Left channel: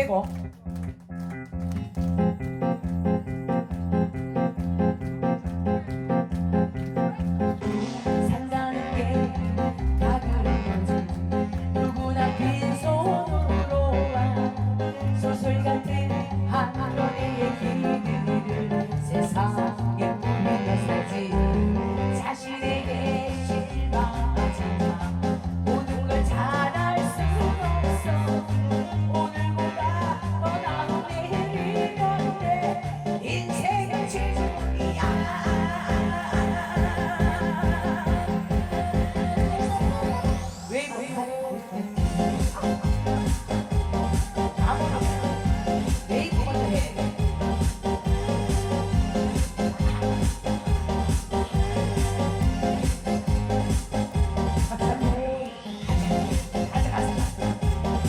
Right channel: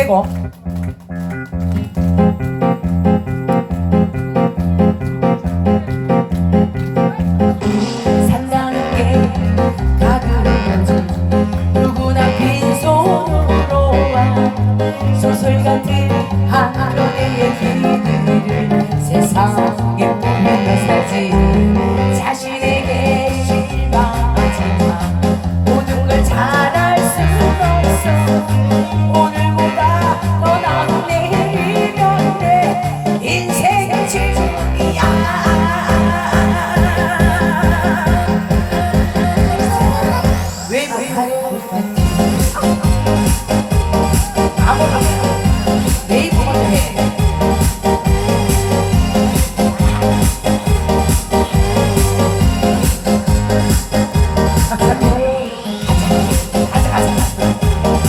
빼고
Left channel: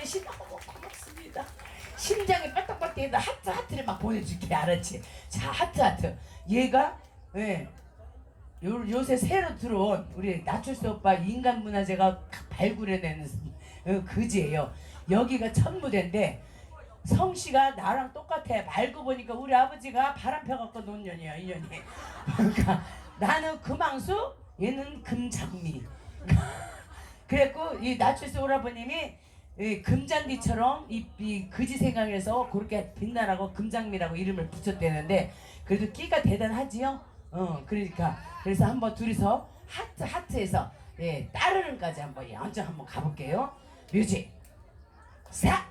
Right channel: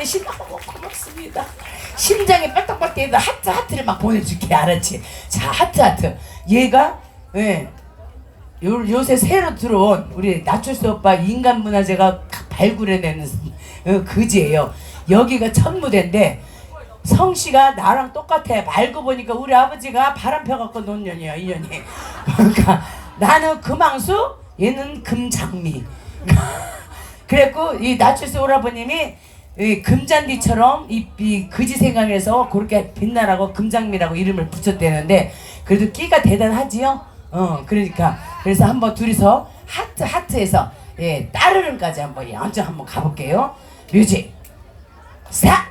여러분한테 신나고 고맙습니다 심장이 뛰는 하트 하트를 막 보내줄게 알았지 자 하트 하트 얘가 예 요, 요새 새로 들어온 우리 나철수 오빠 인간문화재가 발굴해내는 어, 그지예요. 여기가 첫 무대인데 성씨가 나랑 똑같아. 알고 보니까 우리 아버지가 바람 펴갖고 논 년이야 이 년이. 그러니까 나는 금왕수, 얘는 금장미. 그랬고 이 나철수 오라버님이 이 금잔디처럼 이, 이 그지 생각해서 그렇게 빛나라고 금장미라고 이름을 붙였대는데 그래도 끼가 대단하지요. 어 그러니까 그래서 한번 둘이서 하트 하트에서 예 따르릉까지 한번 연주 한번 가볼게요. 뮤직 사옷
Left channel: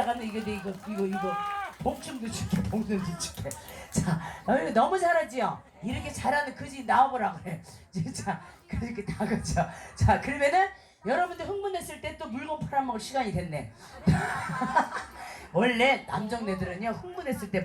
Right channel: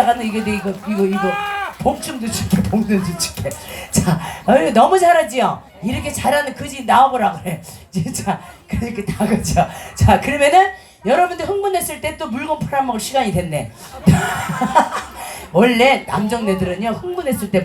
잘하지 이따가는 이거 이거 이거. 이거 복춤도 줄게 복도 줄게. 자 어이, 너무 잘하지요? 이렇게 잘하는 그지 나와보라 그래. 진짜 그렇게 다 그죠 자 그러면은 여러분들 흥분했을 때 또 물건 팔아먹을 시간이 됐네. 원래 남정네들은요 흥분했을 때뭐